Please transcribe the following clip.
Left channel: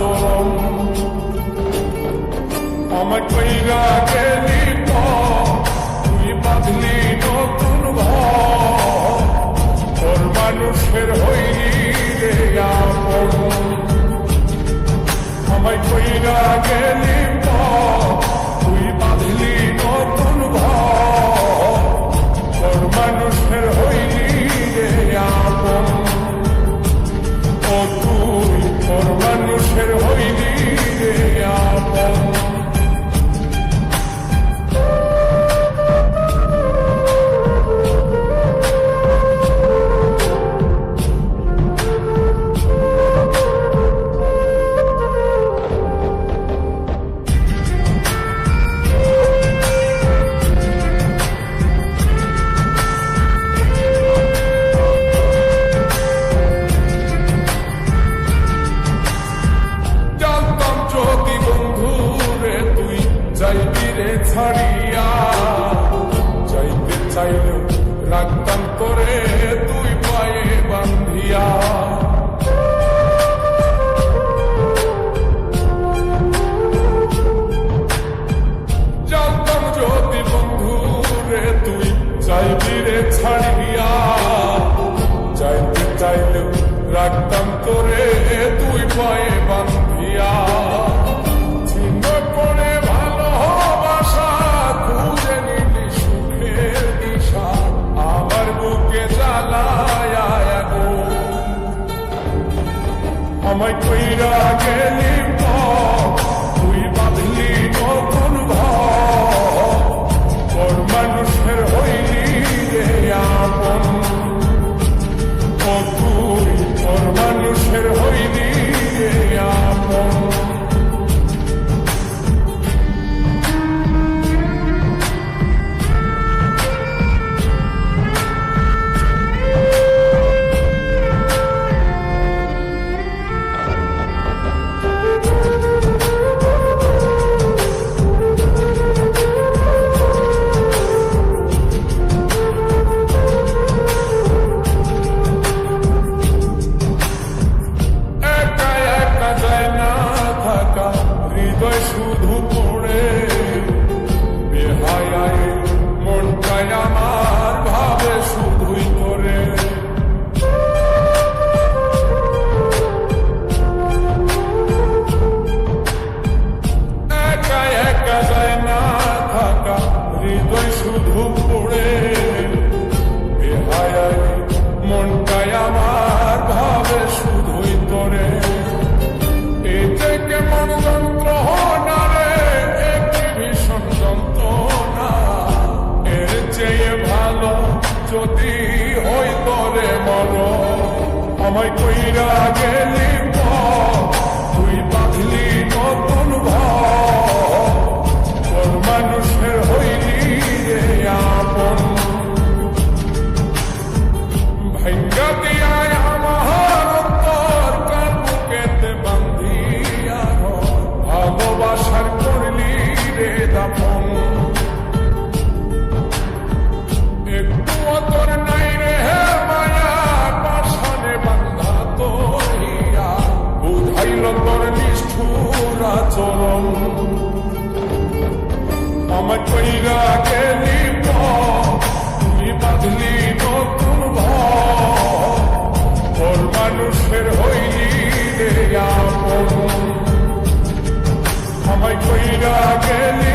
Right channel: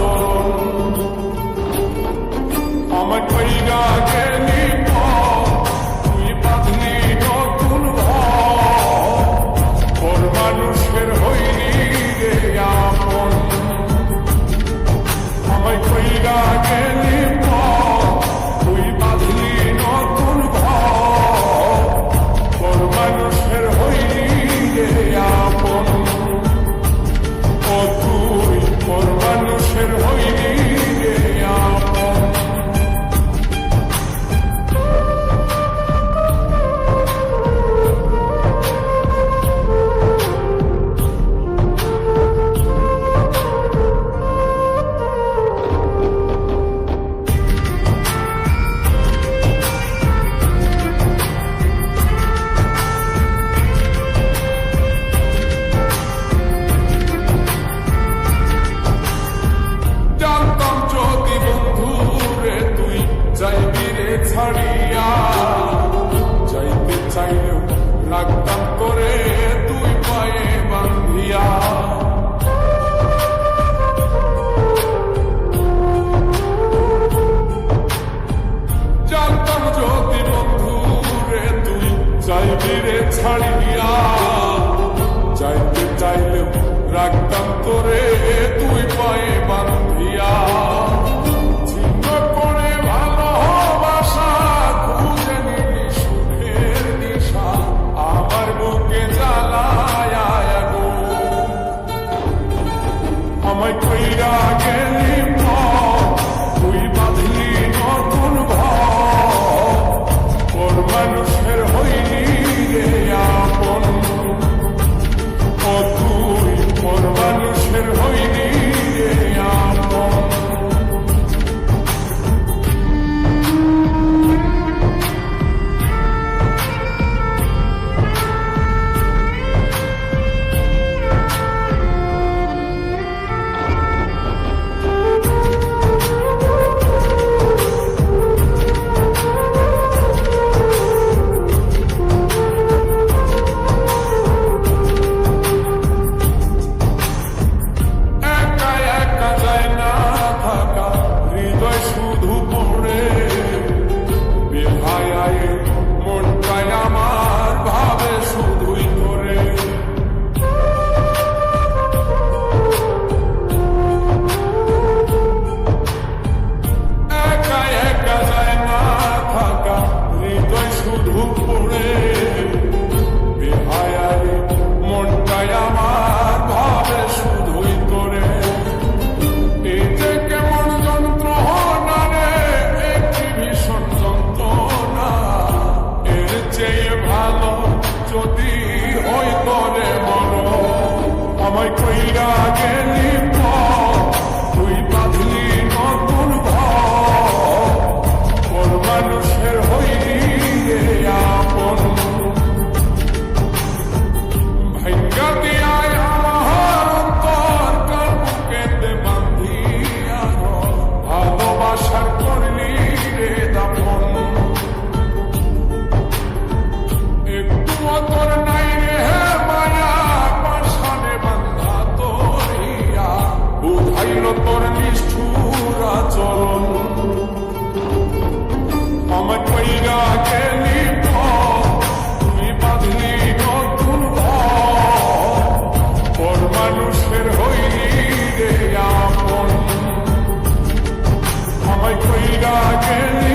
আচরণ। আমার কইরা গেলি তুই বাঁধলি নতুন ঘর, মানুষের হইলি রে আপন। আমায় কইরা গেলি তুই বাঁধলি নতুন ঘর, মানুষের হইলি রে আপন। ও তুই পর মানুষের হইলি রে আপন। যাইবি রে ছাড়িয়া, যাইতে চাইলেও রাখতাম তোরে তুই পায়ে বান্ধিয়া। জানতাম যদি বন্ধু রে তুই যাইবি রে ছাড়িয়া, যাইতে চাইলেও রাখতাম তোরে তুই পায়ে বান্ধিয়া। ছিন্ন করে ভালোবাসা খুঁজে নিলি সুখের দিশা, আমার বুকে জ্বালায় আগুন। আমায় কইরা গেলি তুই বাঁধলি নতুন ঘর, মানুষের হইলি রে আপন। ও তুই পর মানুষের হইলি রে আপন। হৃদয় শুধু পড়ে বেহায়, মনটাই আমার ভাবে শুধুই করে। একা একা যায় না থাকা, হৃদয় শুধু পড়ে বেহায়, মনটাই আমার ভাবে শুধুই করে। এই যে কেমন যন্ত্রণা রে, একটি ভীষণ যন্ত্রণা, এর চেয়ে ভালো যদি হইতো রে মর। আমায় কইরা গেলি তুই বাঁধলি নতুন ঘর, মানুষের হইলি রে আপন। ভাঙ্গা দিয়ায় আমার অন্তর কার বুকেতে বান্ধিয়া, ভালোবাসার করলি রে দাফন। একটু তোর নাই রে মায়া, পাশানে বান্ধা তোরিয়া, বুঝাইল তোর নিষ্ঠুর আচরণ। আমার কইরা গেলি তুই বাঁধলি নতুন ঘর, মানুষের হইলি রে আপন। আমায় কইরা গেলি